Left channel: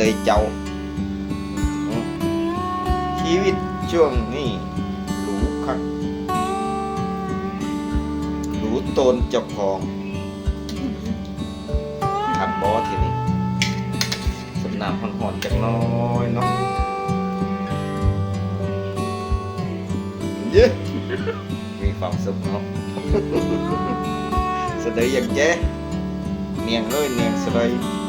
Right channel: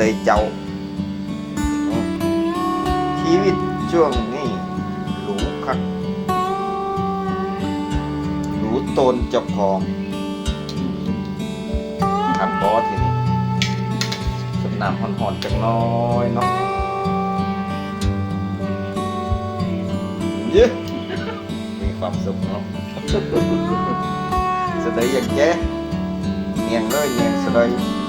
ดยเจ้า ชีวิตช่วงนี้หรูคักหรูตนเจ้าของขับบอสทีนี้สดน้ำห่อนๆจักน้อยเนาะเย้มีความสุขเนาะสะเดยอย่างเจ๊เนียงเลยเนียงสะเดย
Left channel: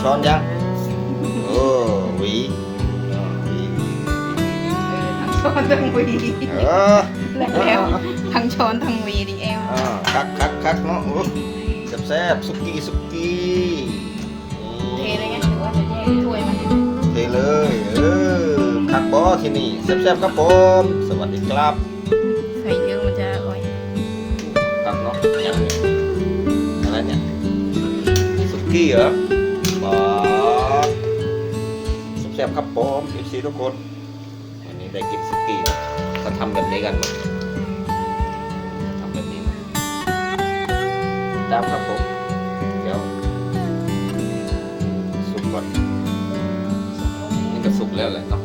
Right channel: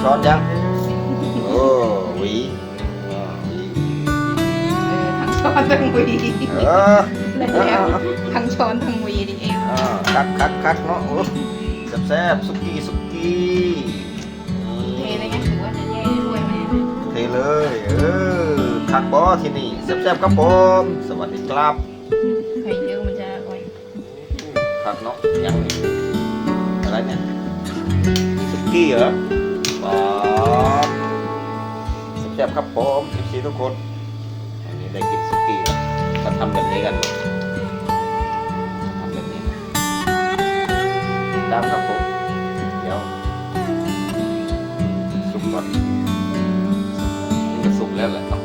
ช้อนยัง โอ้หวีอ่าหวีทั้งช้อนทั้งวีเออแล้วเออเอเอวอทั้งช้อนทั้งวีดิเอวอ่าคักคักคักเนาะโอ้แซ่บๆสุกี้สุกี้เทนี่อะไรกันถือว่าจะแย่ถ้วยไหมเทเลยเออคักบอที่นี่แซ่บๆครับผมสวัสดีครับใส่เยอะมันจะอร่อยคักเนาะยังนี่อะไรเนี่ยสุกี้เหรอปอดแซ่บๆครับผมเอฟซีทุกคนวันนี้ได้กินสุกี้นะก็ทำแบบนี้กันหมดทำแบบนี้นะตามครับผมเดี๋ยวสุกก่อนนี่ก็สุกแล้วแหละเนาะ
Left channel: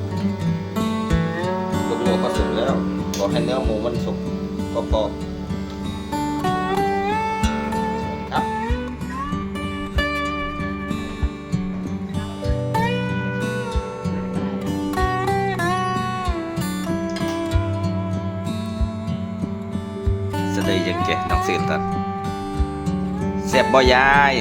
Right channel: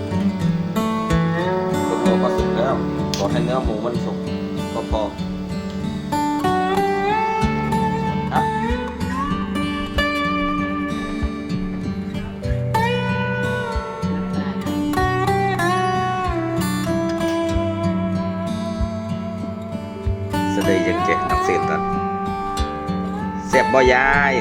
ลูกโลก็สุกแล้วขอให้เนื้อหมูมันสุกก็พอ ยังเจน้องเสียตัดเสียบบ่ยาย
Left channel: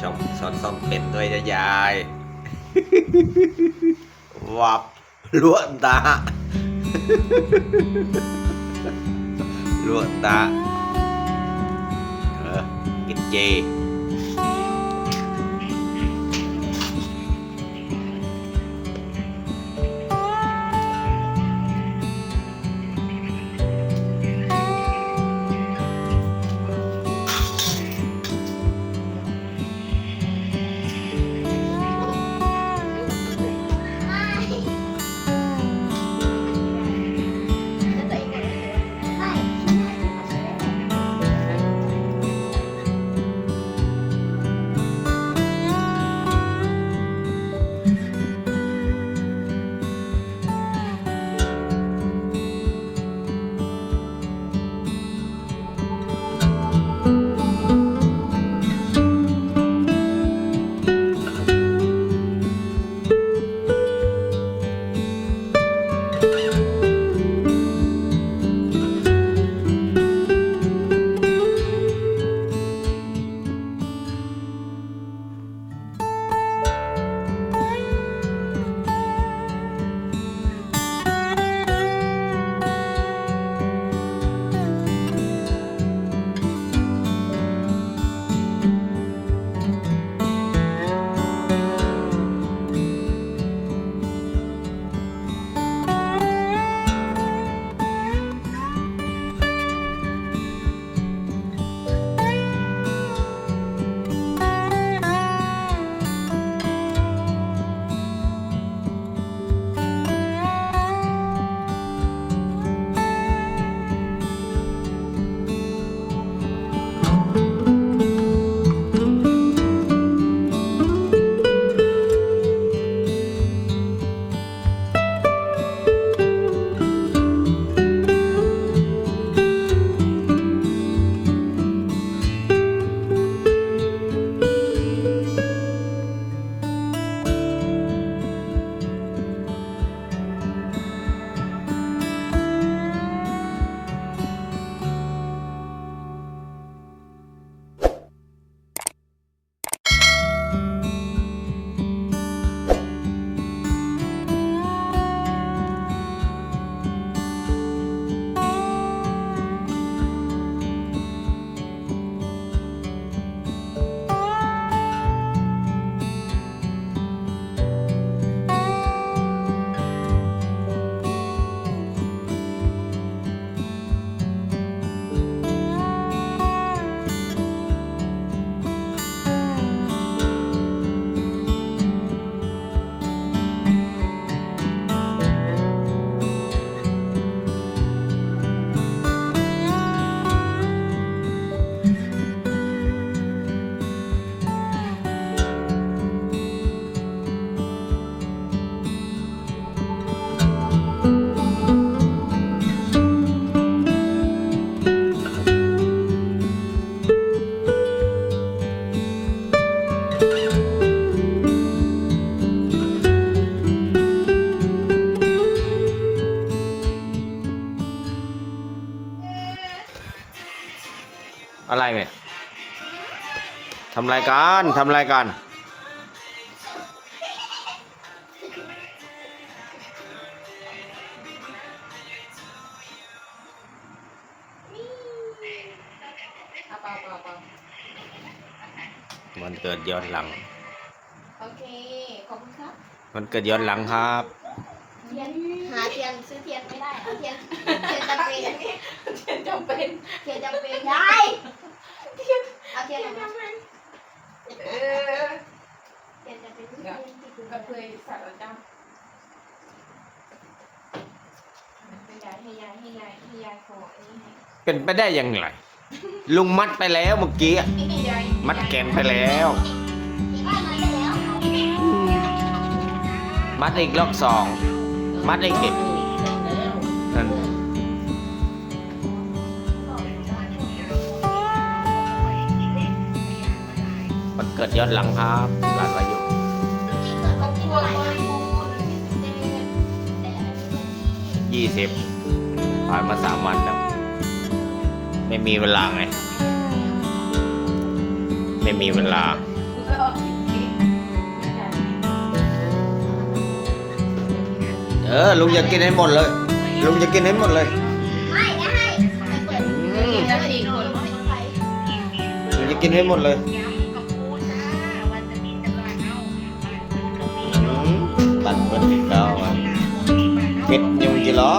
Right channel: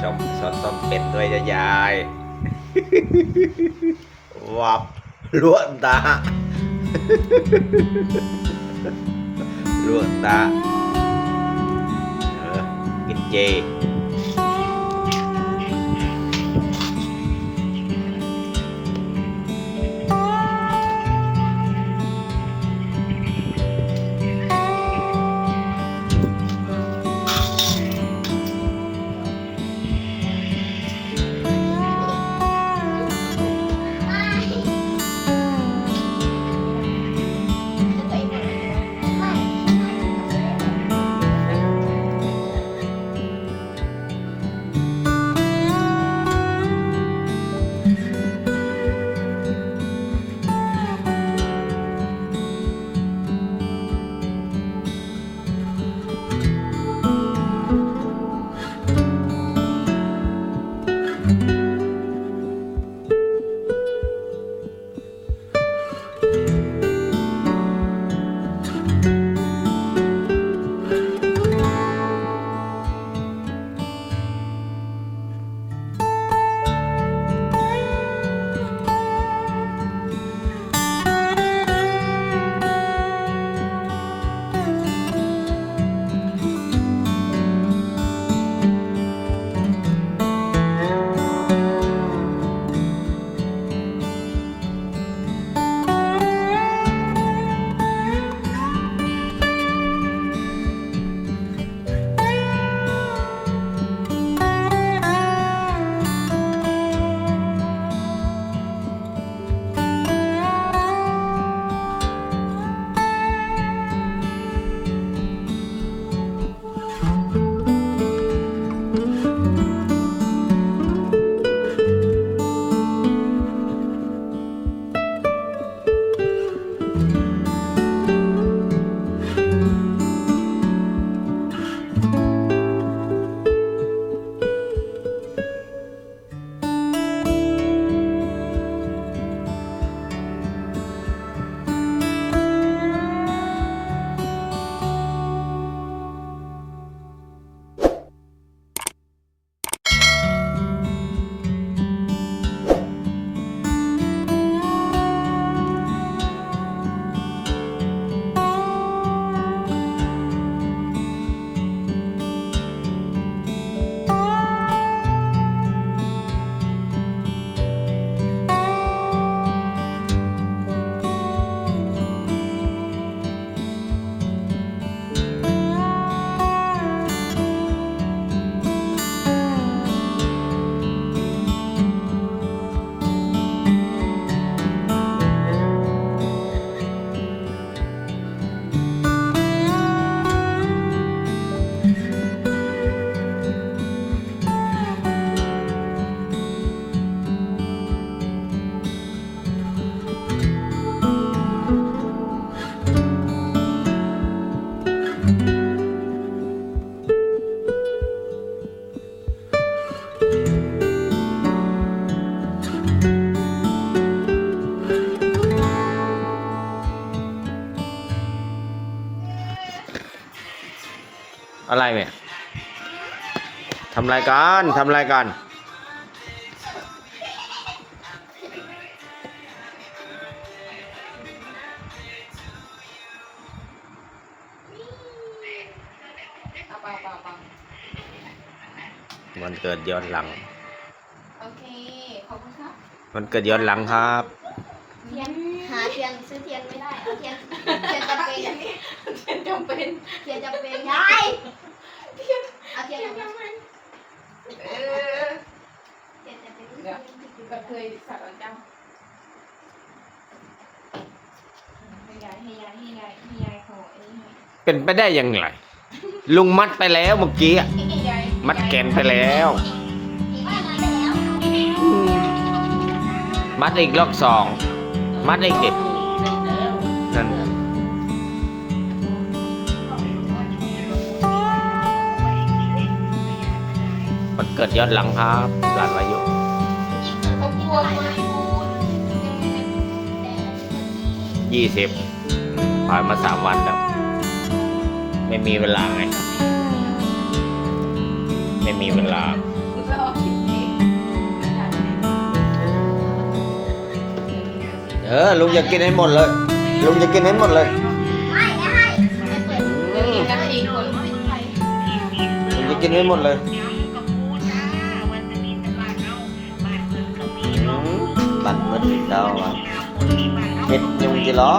ช้ชมสอนส้มเป็ดด้วยจะยาย วับลวดตาลวดตาเออกินเจ ไหมทำรายการทำรายการเอาเปล่าเปล่าเปล่าวันเกิดย้อนหลัง โอเค ขอบคุณครับ วันเกิดย้อนหลังครับเทียนหาเทียนซื้อเทียนไม่ได้เอาเทียนเทียนจำเป็นจำเป็นเทียนจำเป็นยายเอาเทียนออกมา เออ เทียนจำเป็น เดี๋ยวก็ เคยสักแล้วเจ้าให้ยายให้ยายให้ยายให้ยายขอไอ้นี่เป็นไปได้ยังไงลุงมัดไปแล้วเมื่อกี้อะให้ยายมัดแขนไปแล้ว มัดอีกรอบสองมัดอีกเด็กนั่นวันเกิดย้อนหลังครับหลานวายุ ยี่สิบผ่านมาสามวันแล้ว ไม่มีเวลาไง ไม่มีเวลา เออ ลุงจะกินให้หมดเลย ลุงจะกินให้หมดเลยไม่ไม่ให้ไม่เปิดอืมลุงจะกินให้หมดเลยอืมบัตรเงินติดดาวอะ เก็ดยุงจีล้อ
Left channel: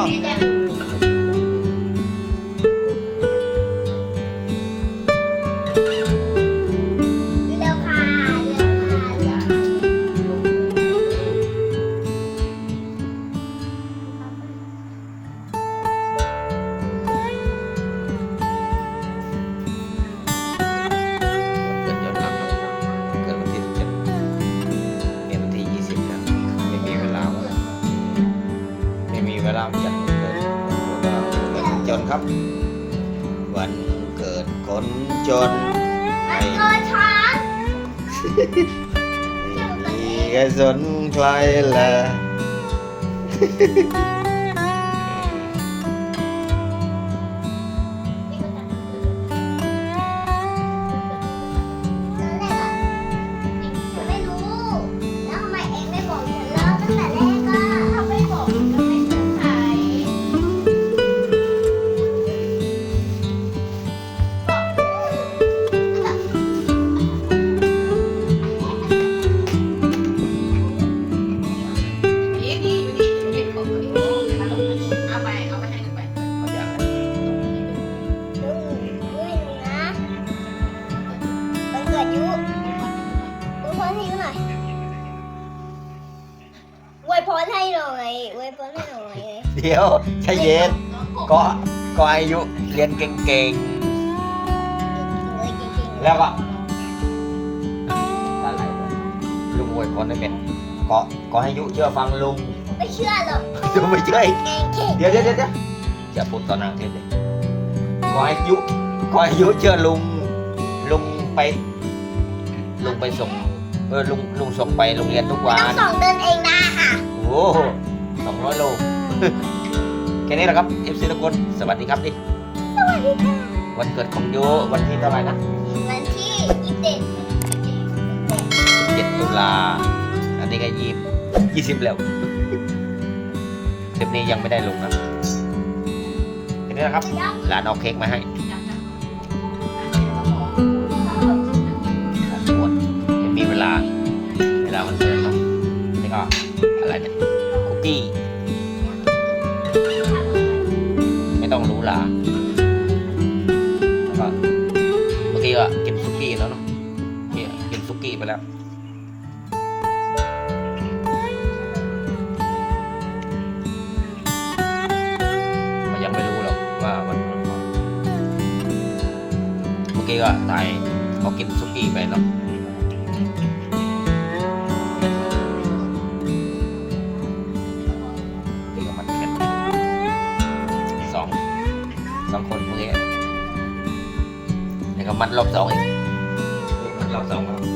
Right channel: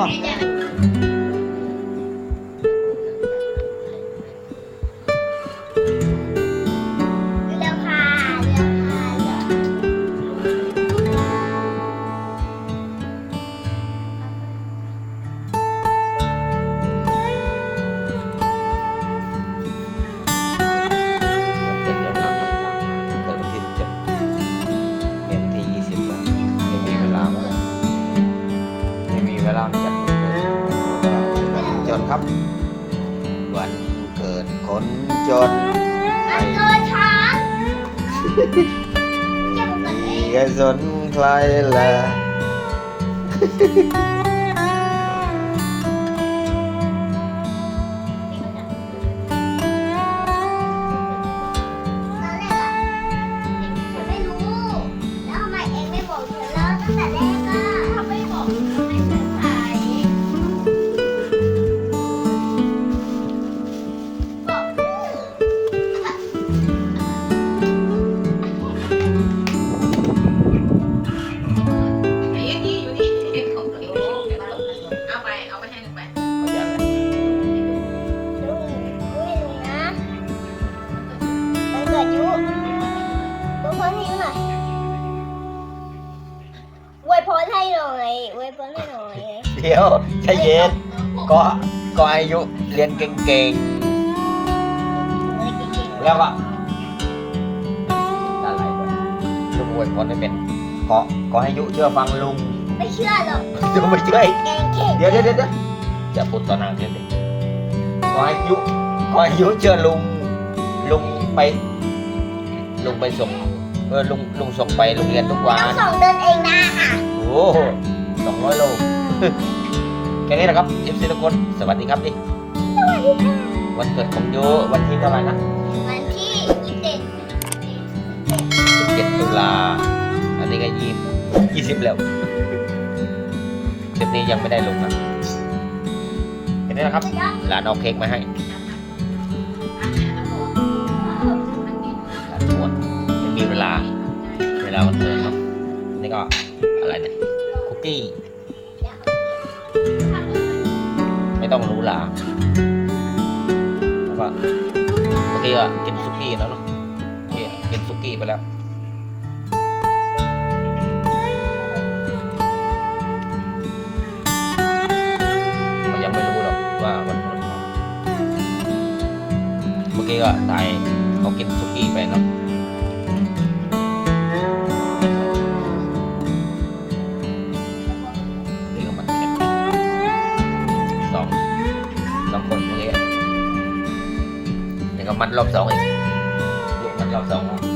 ไม่มีใคยสนใครและ อยอวยพรให้หน่อยเดี๋ยวใจเย็นก็ก็อายุเรียนเก่งเลยเก่งๆแล้วก็อะไรด้วยลุงอวยพรให้เป็นก็ก็ให้ยุเชื่อฟังลุงๆไม่เชื่อหรอกยุไม่เชื่ออีกแกงเข่งเดี๋ยวเดี๋ยวเดี๋ยวอย่าพูดต่อนางเทียนดิก็ให้ยุก็ให้ยุเชื่อลุงลุงไป ลุงไปส่งเออลุงลุงส่งไปโรงเรียนทุกวัต้อนงส่งเดินเองได้ค่ะโอ้ สองร้อยโล แค่นี้แหละครับเอฟซีทุกคน สวัสดีครับดิ สวัสดีค่ะ วันเกิดของโยวันที่เท่าไหร่นะ วันที่ยี่สิบ17ตุลา อันนี้ก็ยี่ยี่สิบแล้วคลิปนี้ยังไม่ได้ลงนะแค่นี้นะครับจะยอมหลานเอาเค้กมาให้หลานปวดไม่มีเวลา เวลาวันเกิดเนาะนี่ก็อะไรเนี่ยคุ กี้ ไม่ต้องรู้หลาแล้วก็เมื่อกี้ก็กินซุกี้แล้วเนาะเมื่อกี้กินซุกี้ไปแล้วยังไม่รู้หรอกว่าวันเกิดเขาเมื่อกี้ก็ถ่ายเขากินซุกี้ไปเนาะ มัดรอบสองอีกลูกมัดรอบสองครับ